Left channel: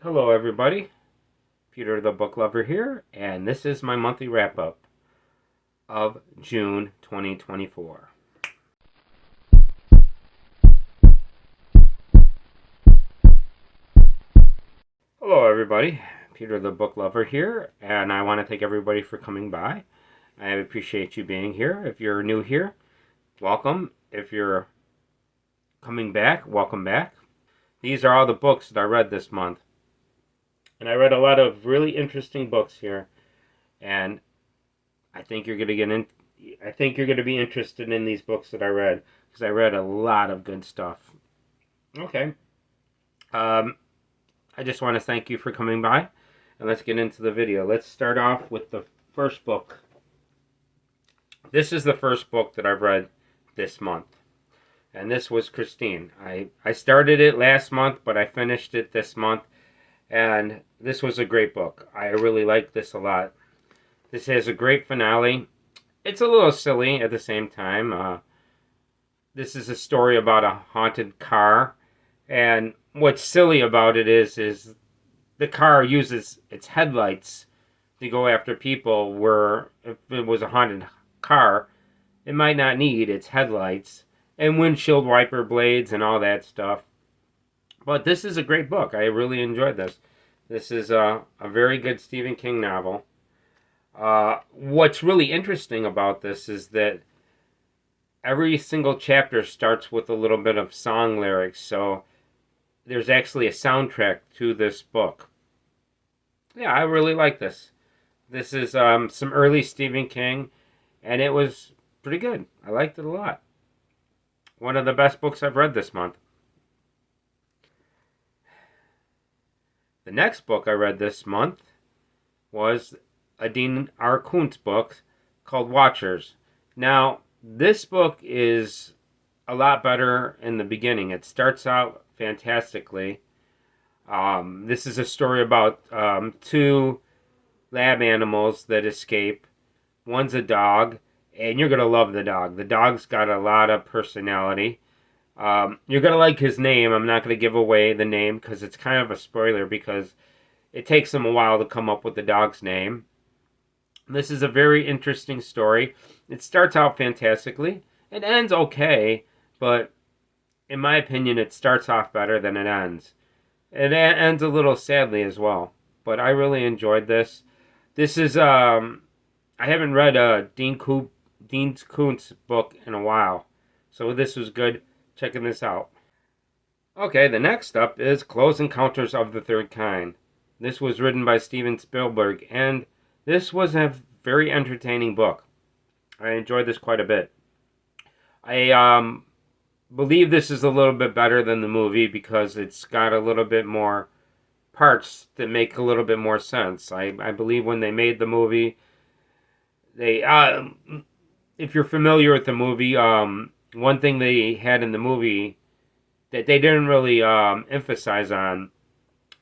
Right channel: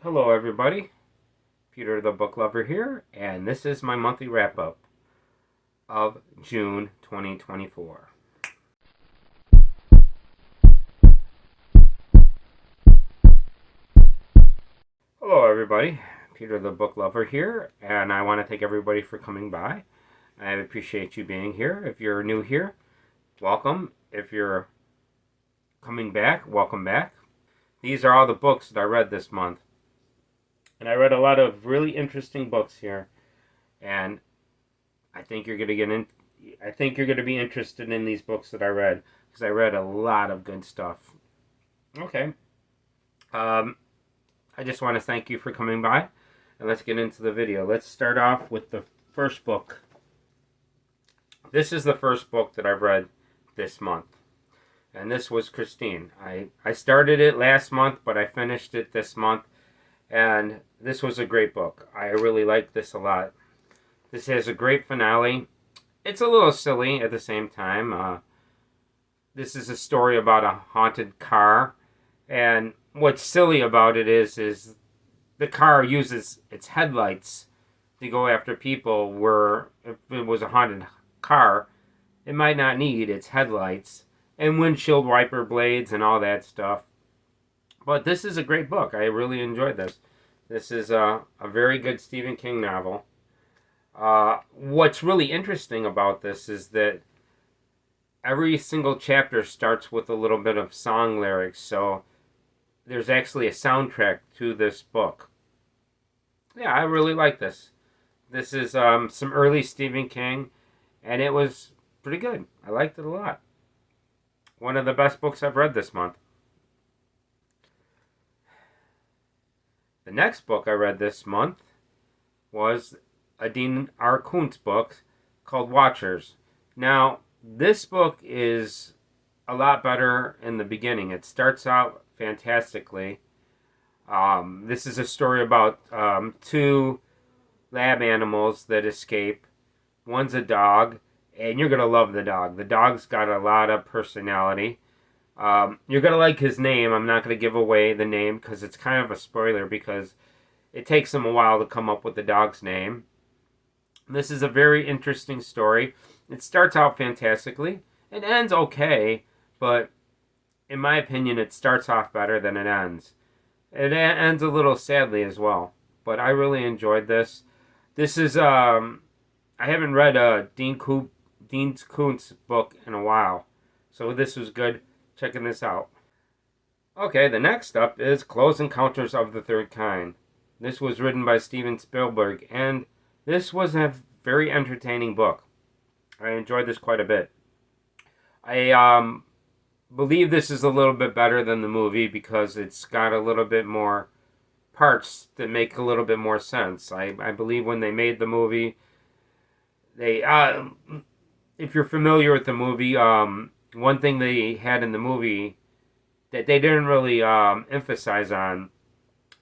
Hello, everybody. Peter the Book Lover here, and this is my monthly wrap up of June 2024. Hello, everybody. Peter the Book Lover here, and I want to thank everybody for coming by. I appreciate you being here. If you're new here, welcome. If you're coming back, welcome back. These are all the books that I read this month, and I read a lot of really interesting books here, and I think you're going to get in. I think you're going to be interested in these books that I read because I read a lot of good stuff. Okay. Um, I just want to thank you for coming by, and let's get into the video. Let's start off with the first book. This is the first book that I've read this month, and this was Christine. I started it last month, but I finished it this month, and this was a great book. I really liked this a lot. This has a great finale. It's a little silly at the same time. This is a story about a haunted car, and what's silly about it is the car uses its headlights to go after people. Where if it was a haunted car, it might not need its headlights and windshield wiper blades and all that stuff. But this is a great book. I really enjoyed this. This is a very good Stephen King novel. What's really interesting about this is that every single chapter starts with a little bit of song lyrics, so there's actually a soundtrack to this book. Yeah, I really like this. This is some early Stephen King, and it was pretty good. I liked it a lot. One of the best books I've read this month. The next book I read this month was a Dean R. Koontz book called Watchers. Now, this book is a lot better in the beginning. It starts out fantastically. This is a story about two lab animals that escape. One's a dog, and you're going to love the dog. The dog's got a lot of personality. You're going to like his name. I'm not going to give away the name because it's kind of a spoiler because it takes them a while to come up with the dog's name. This is a very interesting story. It starts out fantastically. It ends okay, but in my opinion, it starts off better than it ends. It ends a little sadly as well, but I really enjoyed this. This is I haven't read a Dean Koontz book in a while, so this was good checking this out. Okay, the next up is Close Encounters of the Third Kind. This was written by Steven Spielberg, and this was a very entertaining book. I enjoyed this quite a bit. I believe this is a little bit better than the movie because it's got a little bit more parts that make a little bit more sense. I believe when they made the movie, they if you're familiar with the movie, one thing they had in the movie that they didn't really emphasize on,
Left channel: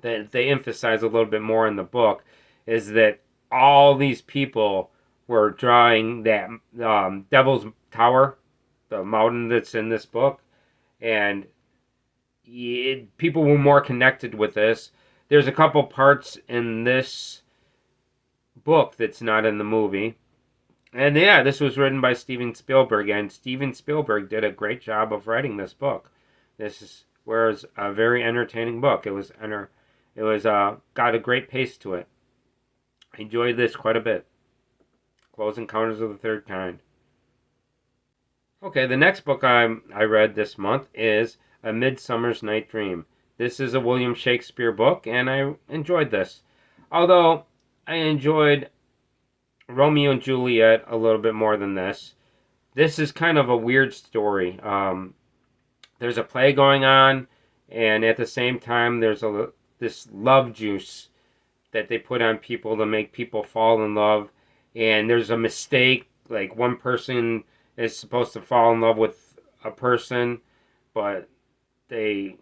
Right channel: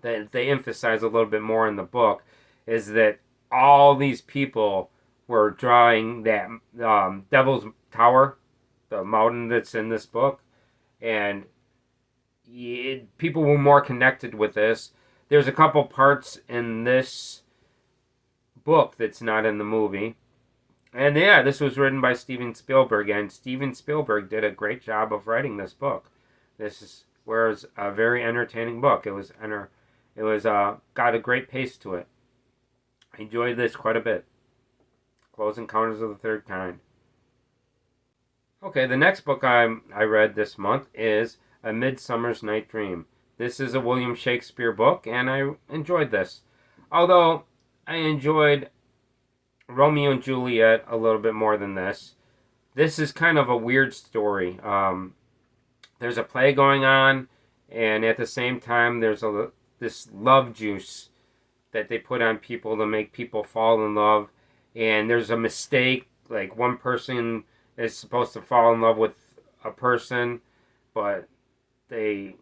that they emphasize a little bit more in the book, is that all these people were drawing that Devil's Tower, the mountain that's in this book, and people were more connected with this. There's a couple parts in this book that's not in the movie. And yeah, this was written by Steven Spielberg, and Steven Spielberg did a great job of writing this book. Was a very entertaining book. It was got a great pace to it. I enjoyed this quite a bit. Close Encounters of the Third Kind. Okay, the next book I read this month is A Midsummer's Night Dream. This is a William Shakespeare book, and I enjoyed this. Although I enjoyed Romeo and Juliet a little bit more than this. This is kind of a weird story. There's a play going on, and at the same time, there's this love juice that they put on people to make people fall in love. And there's a mistake, like one person is supposed to fall in love with a person, but they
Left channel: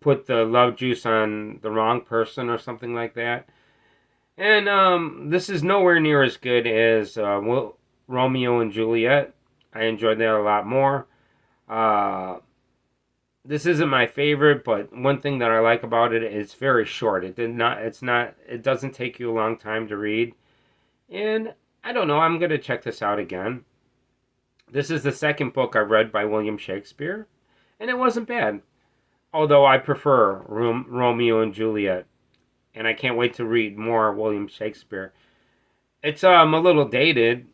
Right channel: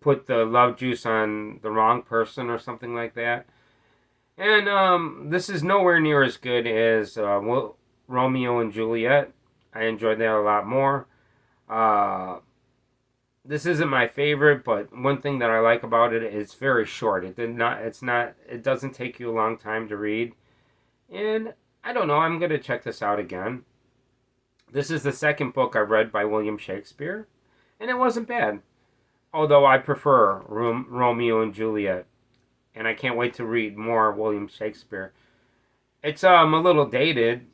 put the love juice on the wrong person or something like that. And this is nowhere near as good as Romeo and Juliet. I enjoyed that a lot more. Uh, This isn't my favorite, but one thing that I like about it is it's very short. It doesn't take you a long time to read. And I don't know, I'm going to check this out again. This is the second book I read by William Shakespeare, and it wasn't bad. Although I prefer Romeo and Juliet, and I can't wait to read more William Shakespeare. It's a little dated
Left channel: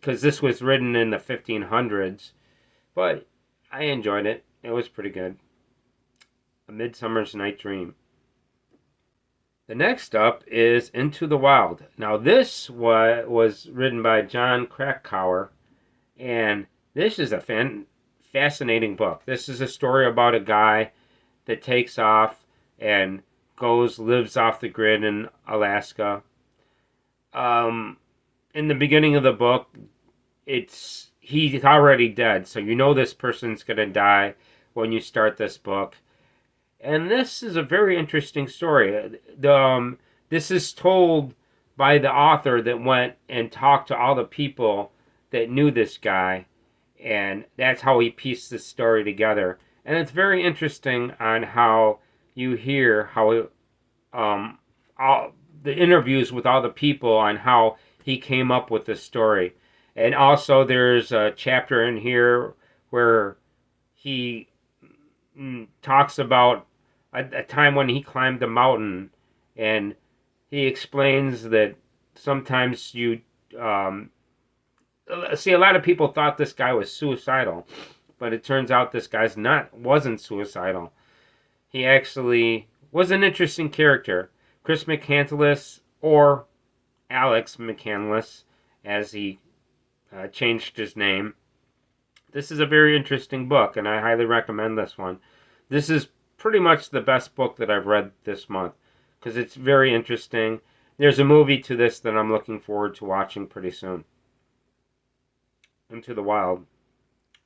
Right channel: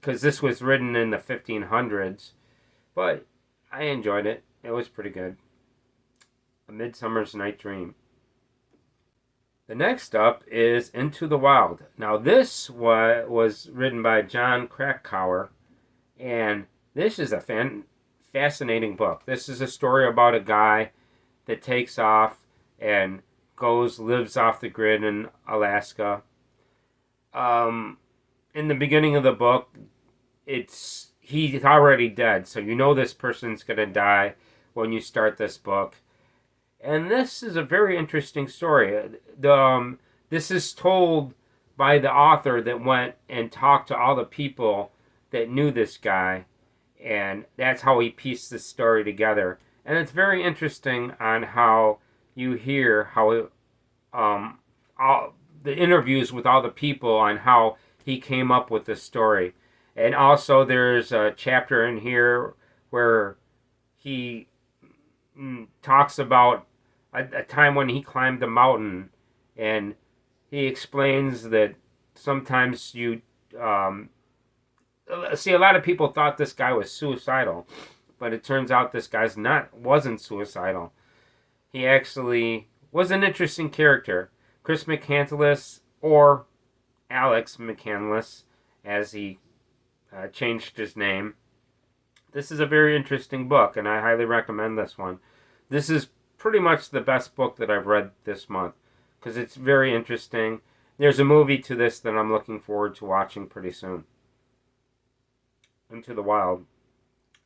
because this was written in the 1500s, but I enjoyed it. It was pretty good. A Midsummer's Night Dream. The next up is Into the Wild. Now, this was written by John Krakauer, and this is a fascinating book. This is a story about a guy that takes off and lives off the grid in Alaska. In the beginning of the book, he's already dead, so you know this person's gonna die when you start this book. And this is a very interesting story. This is told by the author that went and talked to all the people that knew this guy, and that's how he pieced this story together. And it's very interesting on how you hear how all the interviews with all the people on how he came up with this story. And also, there's a chapter in here where he talks about a time when he climbed a mountain, and he explains that sometimes you see, a lot of people thought this guy was suicidal, but it turns out this wasn't suicidal. He actually was an interesting character. Chris McCandless, or Alex McCandless, as he changed his name. This is a very interesting book, and I highly recommend this one. This is pretty much the best book that I've read this month because it's very interesting. There's a movie to this that I'm looking forward to watching pretty soon. Into the Wild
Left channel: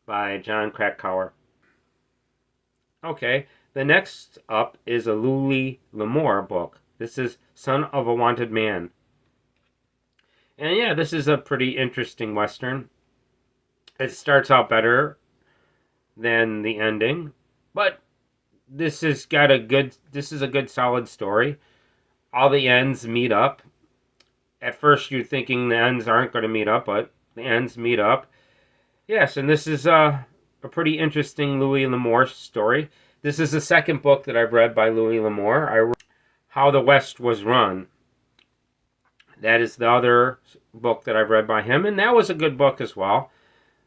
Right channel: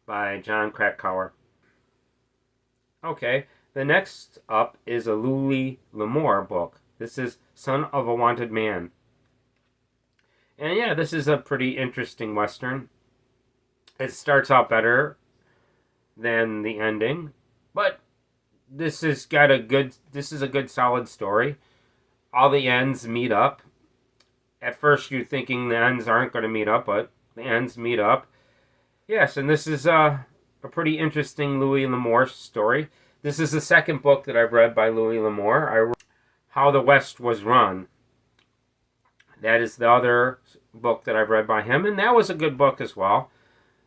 by John Krakauer. Okay, the next up is a Louis L'Amour book. This is Son of a Wanted Man. And yeah, this is a pretty interesting Western. It starts out better than the ending, but this is a good solid story. All the ends meet up. At first you're thinking the ends aren't going to meet up, but the ends meet up. Yes, and this is a pretty interesting Louis L'Amour story. This is the second book that I've read by Louis L'Amour. How the West Was Run. That is the other book that I've read by him, and that was a good book as well.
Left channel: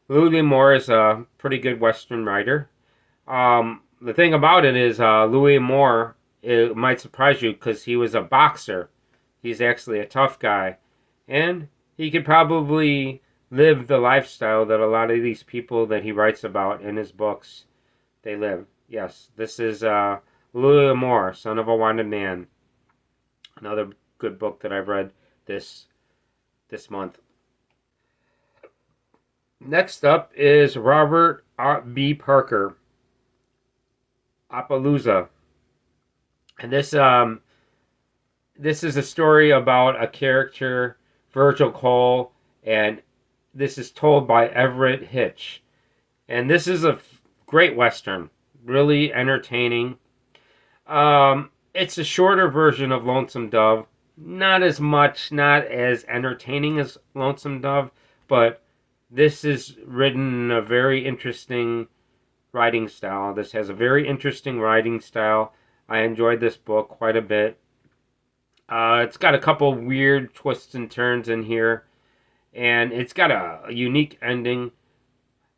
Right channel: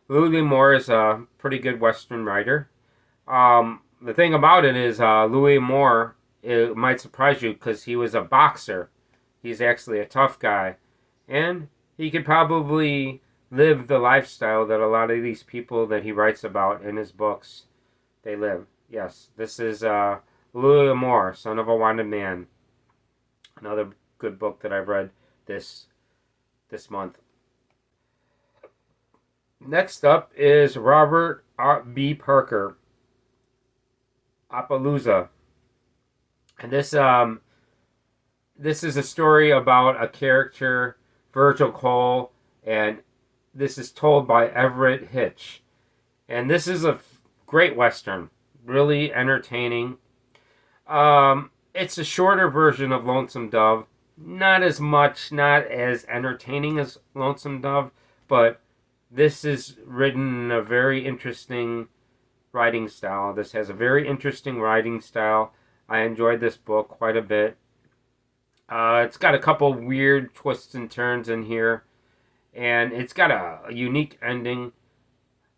Louis L'Amour is a pretty good Western writer. The thing about it is Louis L'Amour, it might surprise you because he was a boxer. He's actually a tough guy, and he could probably live the lifestyle that a lot of these people that he writes about in his books, they live. Yes, this is Louis L'Amour, Son of a Wanted Man. Another good book that I've read this month. Next up is Robert B. Parker, Appaloosa. And this is a story about a character, Virgil Cole, and this is told by Everett Hitch. And this is a great Western, really entertaining. It's a shorter version of Lonesome Dove. Not as entertaining as Lonesome Dove, but this is written in a very interesting writing style. This has a very interesting writing style. I enjoyed this book quite a bit. It's got a couple weird twists and turns in here, and it's got a unique ending.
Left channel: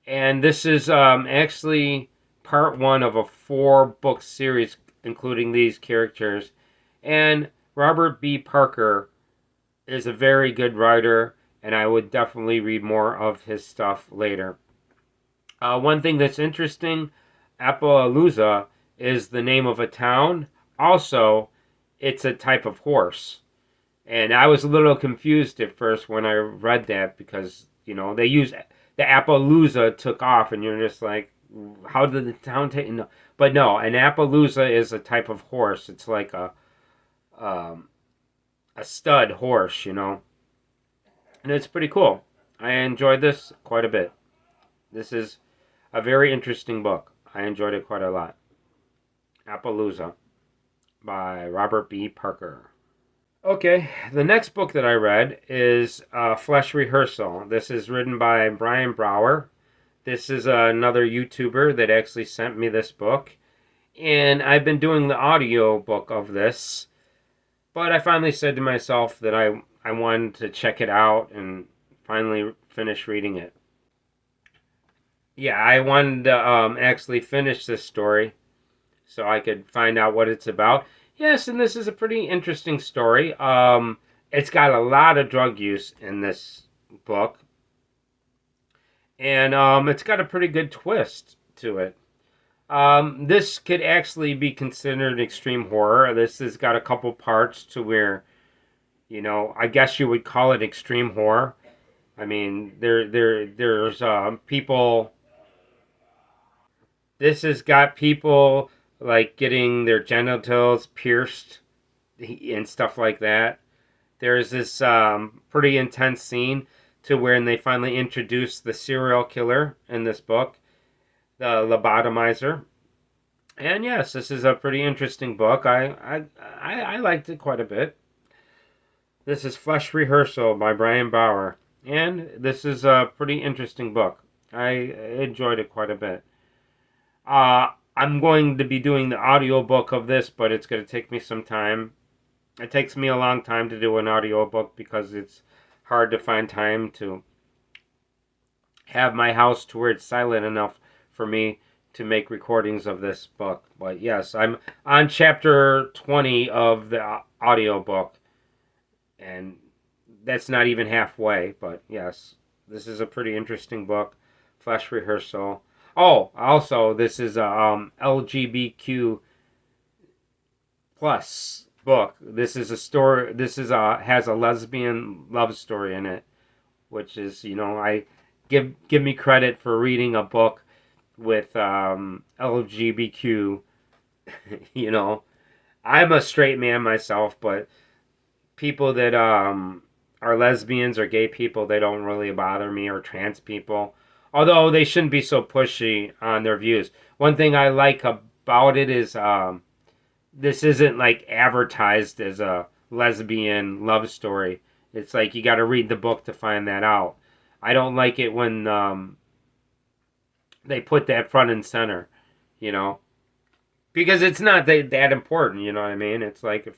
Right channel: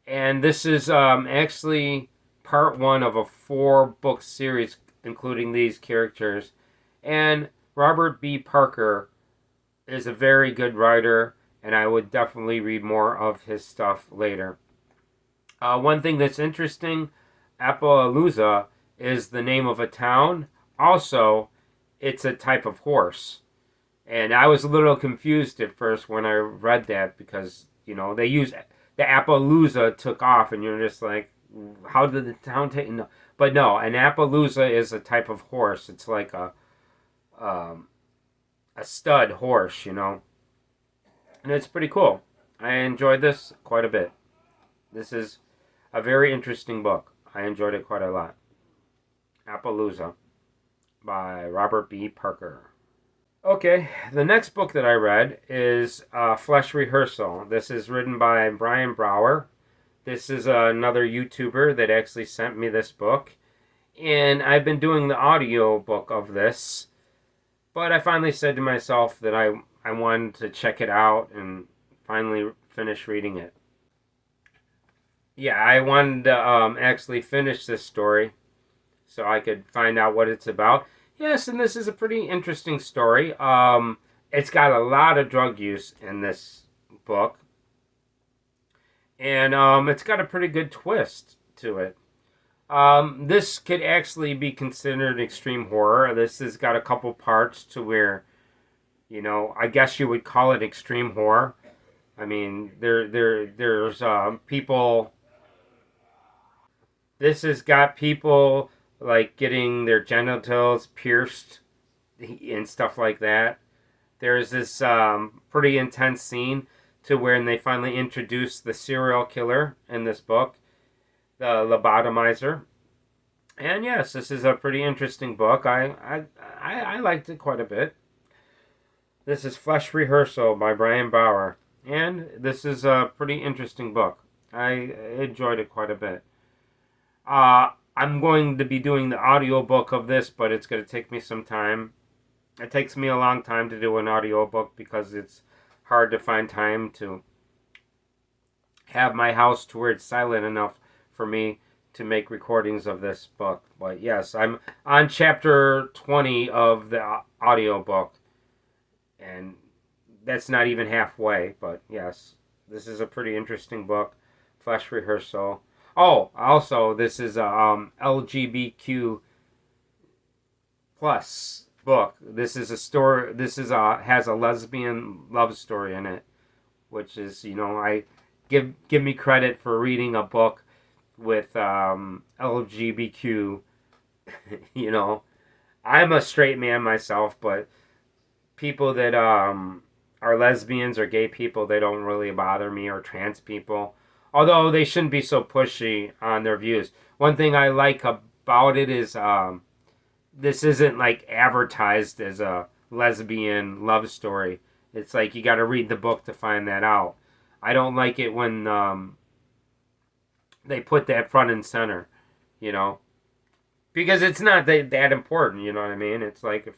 And this is actually part one of a 4-book series, including these characters. And Robert B. Parker is a very good writer, and I would definitely read more of his stuff later. One thing that's interesting, Appaloosa is the name of a town. Also, it's a type of horse. And I was a little confused at first when I read that because, they use the Appaloosa took off, and you're just like, how did the town take? No. But no, an Appaloosa is a type of horse. It's like a stud horse, and it's pretty cool. I enjoyed this quite a bit. This is a very interesting book. I enjoyed it quite a lot. Appaloosa by Robert B. Parker. Okay, the next book that I read is Flesh Rehearsal. This is written by Brian Brower. This is another YouTuber that actually sent me this book. And I've been doing the audio book of this. But I finally said to myself that I wanted to check it out and finally finish reading it. Yeah, I wanted to actually finish this story so I could find out what it's about. Yes, and this is a pretty interesting story. It's got a lot of drug use in this book, and it's got a pretty good twist to it. This could actually be considered extreme horror. This has got a couple parts to where, I guess you would call it extreme horror. I mean, there's people. This has got people like getting their genitals pierced and stuff like that. There's this pretty intense scene to where they finally introduce the serial killer in this book, the lobotomizer. And yes, this is a pretty interesting book. I liked it quite a bit. This is Flesh Rehearsal by Brian Brower. And this is a pretty interesting book. I enjoyed it quite a bit. I'm going to be doing the audiobook of this, but it's going to take me some time. It takes me a long time to do an audiobook because it's hard to find time to have my house to where it's silent enough for me to make recordings of this book. But yes, I'm on chapter 20 of the audiobook, and that's not even halfway. But yes, this is a pretty interesting book, Flesh Rehearsal. Oh, also, this is a LGBTQ plus book. This is a story. This is has a lesbian love story in it, which is, I give me credit for reading a book with LGBTQ. I'm a straight man myself, but people that are lesbians or gay people, they don't really bother me, or trans people. Although they shouldn't be so pushy on their views. One thing I like about it is this isn't like advertised as a lesbian love story. It's like you got to read the book to find that out. I don't like it when they put that front and center, because it's not that important. You know what I mean? It's like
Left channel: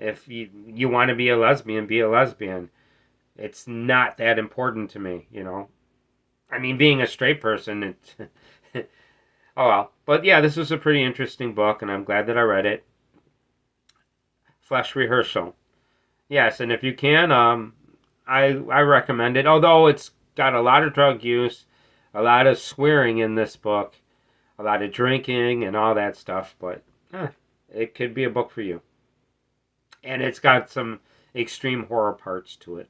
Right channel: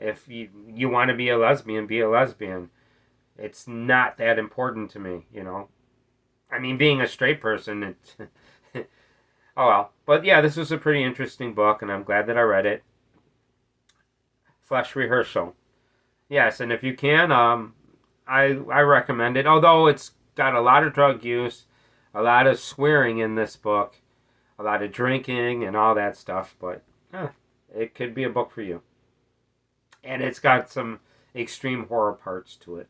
if you want to be a lesbian, be a lesbian. It's not that important to me. I mean, being a straight person, it oh well. But yeah, this was a pretty interesting book, and I'm glad that I read it. Flesh Rehearsal. Yes, and if you can, I recommend it. Although it's got a lot of drug use, a lot of swearing in this book, a lot of drinking and all that stuff, but it could be a book for you. And it's got some extreme horror parts to it.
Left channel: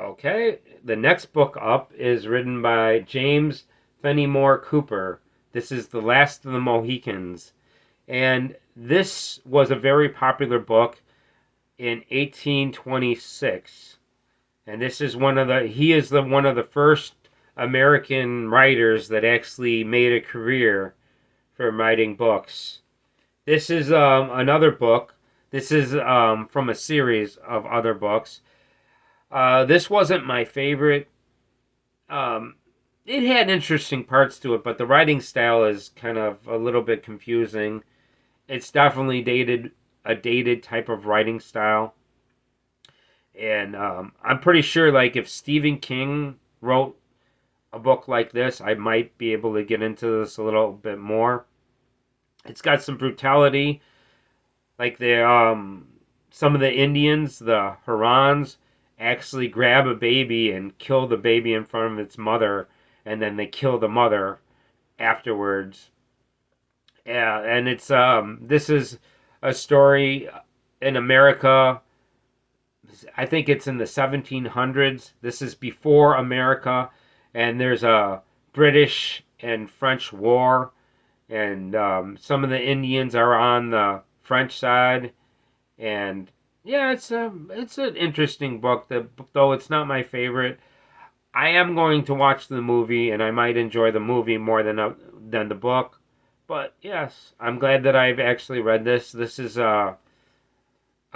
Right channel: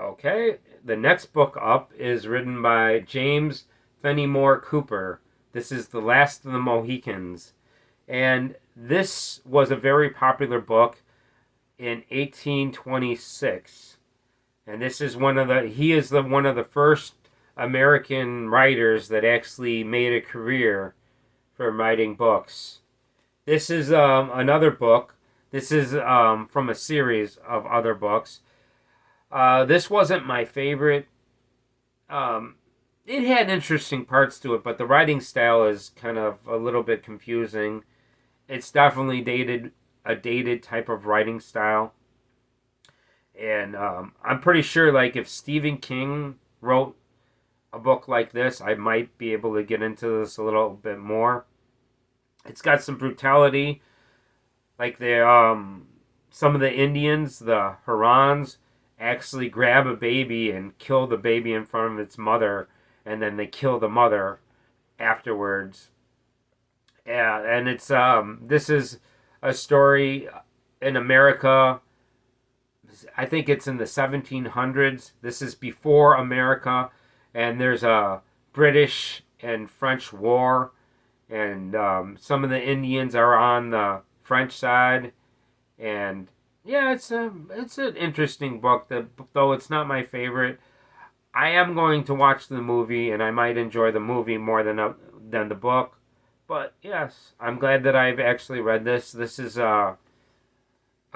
Okay, the next book up is written by James Fenimore Cooper. This is The Last of the Mohicans. And this was a very popular book in 1826. And this is one of the first American writers that actually made a career from writing books. This is another book. This is from a series of other books. This wasn't my favorite. It had interesting parts to it, but the writing style is kind of a little bit confusing. It's definitely a dated type of writing style. And I'm pretty sure, like, if Stephen King wrote a book like this, I might be able to get into this a little bit more. It's got some brutality, like some of the Indians, the Hurons, actually grab a baby and kill the baby in front of its mother, and then they kill the mother afterwards. Yeah, and it's this is a story in America. I think it's in the 1700s. This is before America, and there's a British and French war, and some of the Indians are on the French side, and yeah, it's an interesting book. Though it's not my favorite. I am going to watch the movie, and I might enjoy the movie more than the book. But yes, I'm glad that I've actually read this. This is a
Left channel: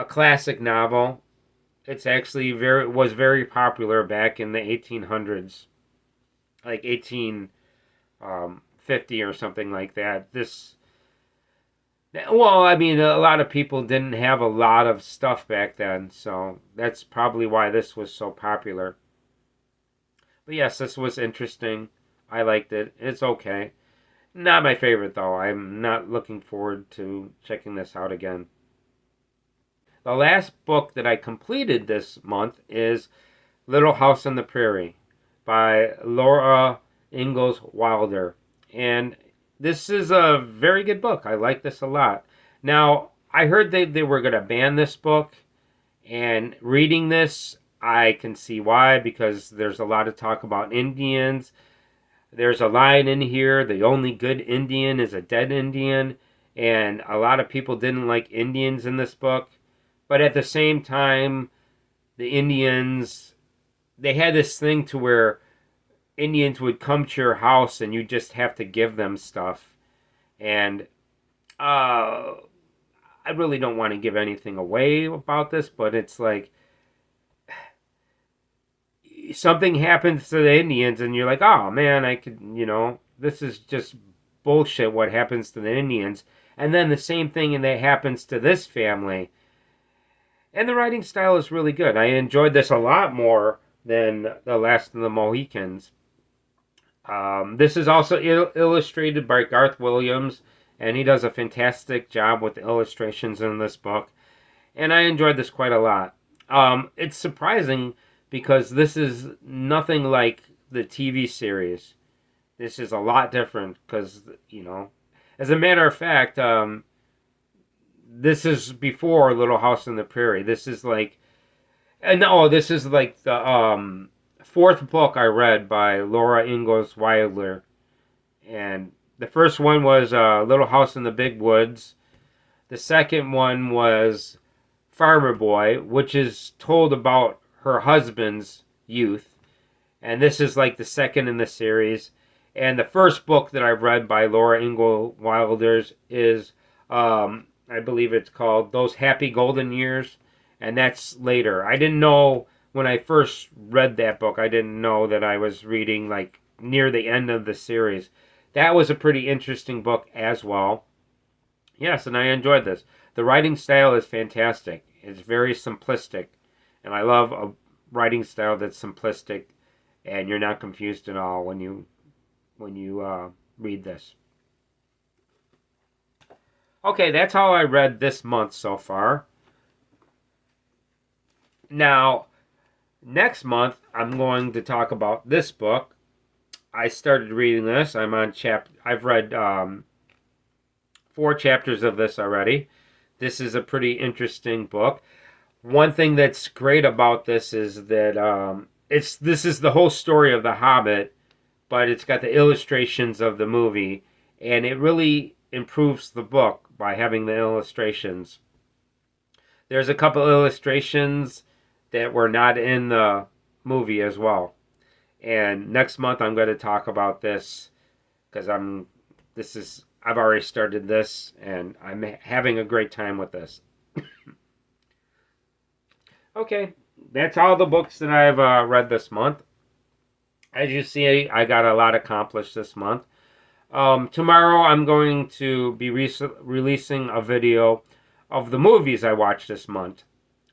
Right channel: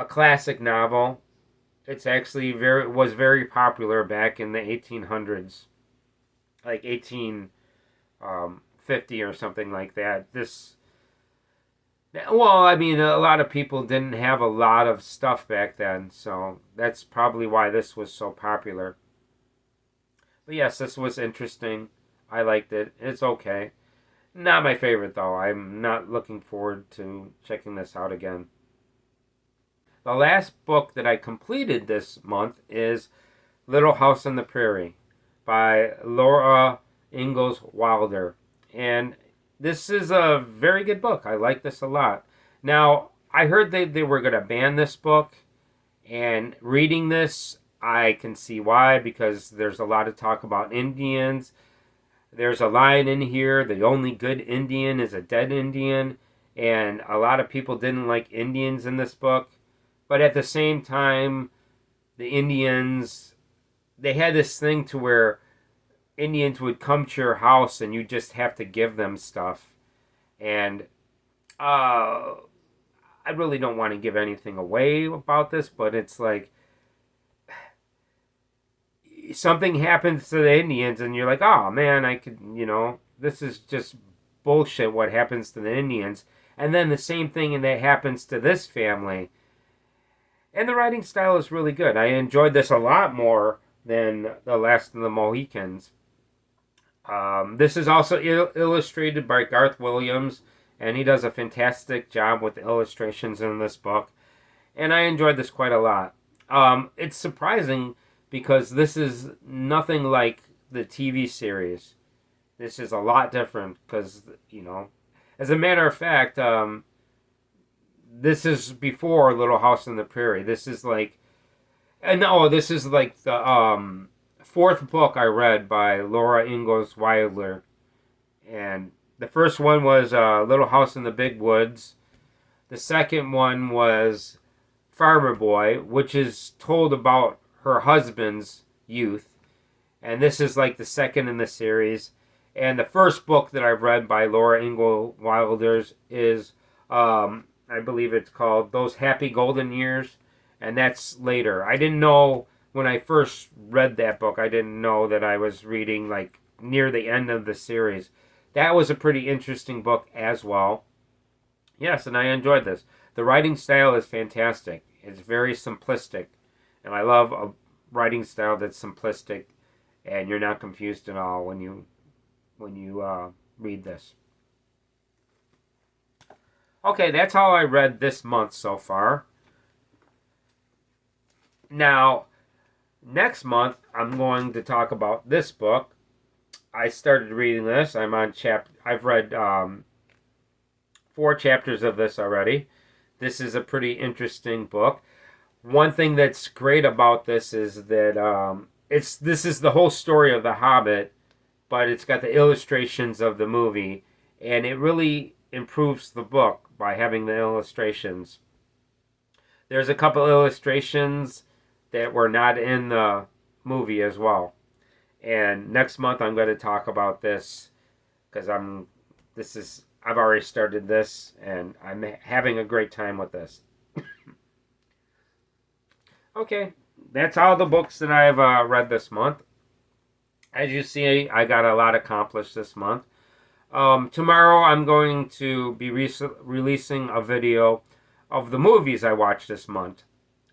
classic novel. It's actually was very popular back in the 1800s, like 1850 or something like that. Well, I mean, a lot of people didn't have a lot of stuff back then, so that's probably why this was so popular. But yes, this was interesting. I liked it. It's okay. Not my favorite though. I'm not looking forward to checking this out again. The last book that I completed this month is Little House on the Prairie by Laura Ingalls Wilder. And this is a very good book. I like this a lot. Now, I heard they were going to ban this book, and reading this, I can see why, because there's a lot of talk about Indians. There's a line in here, the only good Indian is a dead Indian, and a lot of people didn't like Indians in this book. But at the same time, the Indians, they had this thing to where Indians would come to your house and you just have to give them stuff. And I really don't want to give anything away about this, but it's like something happens to the Indians and you're like, oh man, I could, this is just bullshit what happens to the Indians. And then the same thing that happens to this family. And the writing style is really good. I enjoyed this a lot more than The Last of the Mohicans. This is also illustrated by Garth Williams, and he does a fantastic job with the illustrations in this book. And I enjoyed this quite a lot. It's surprising because this is nothing like the TV series. This is a lot different because, as a matter of fact, this is before Little House on the Prairie. This is like, and no, this is like the fourth book I read by Laura Ingalls Wilder, and the first one was Little House in the Big Woods. The second one was Farmer Boy, which is told about her husband's youth, and this is like the second in the series. And the first book that I've read by Laura Ingalls Wilder is, I believe it's called Those Happy Golden Years, and that's later. I didn't know when I first read that book, I didn't know that I was reading like near the end of the series. That was a pretty interesting book as well. Yes, and I enjoyed this. The writing style is fantastic. It's very simplistic, and I love a writing style that's simplistic, and you're not confused at all when you read this. Okay, that's all I read this month so far. Now, next month I'm going to talk about this book. I started reading this. I've read 4 chapters of this already. This is a pretty interesting book. One thing that's great about this is that this is the whole story of The Hobbit, but it's got the illustrations of the movie, and it really improves the book by having the illustrations. There's a couple illustrations that were not in the movie as well. And next month I'm going to talk about this because I've already started this and I'm having a great time with this. Okay, that's all the books that I've read this month. As you see, I got a lot accomplished this month. Tomorrow I'm going to be releasing a video of the movies I watched this month.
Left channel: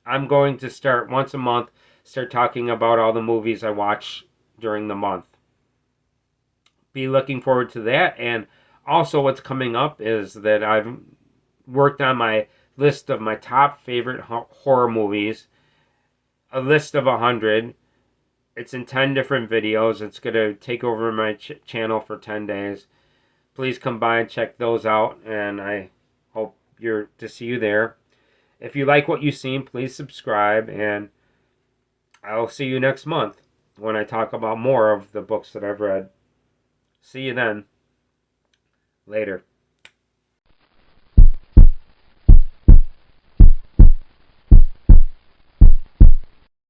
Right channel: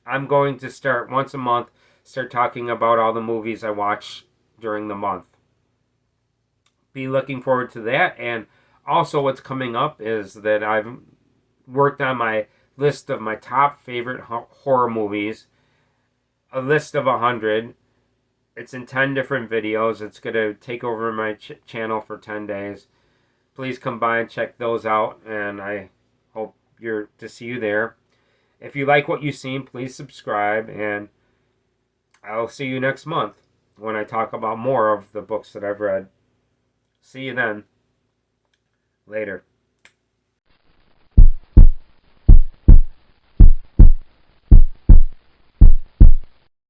I'm going to start once a month, start talking about all the movies I watch during the month. Be looking forward to that. And also what's coming up is that I've worked on my list of my top favorite horror movies, a list of 100. It's in 10 different videos. It's going to take over my channel for 10 days. Please come by and check those out, and I hope to see you there. If you like what you've seen, please subscribe, and I'll see you next month when I talk about more of the books that I've read. See you then. Later.